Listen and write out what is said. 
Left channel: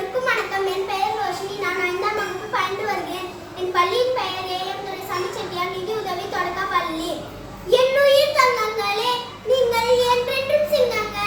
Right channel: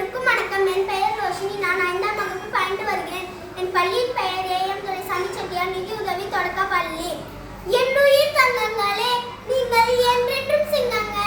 அனைவருக்கும் வணக்கம். என் பெயர் ரோஷினி. நான் 5ஆம் வகுப்பு பயின்று வருகிறேன். என் பள்ளியின் பெயர் ஏஎம் துரைசாமி செட்டியார் நிதி உதவி தொடக்க பள்ளி. என் உயிர் தங்கங்களே, நீங்கள் என்றென்றும் சிங்கங்களே.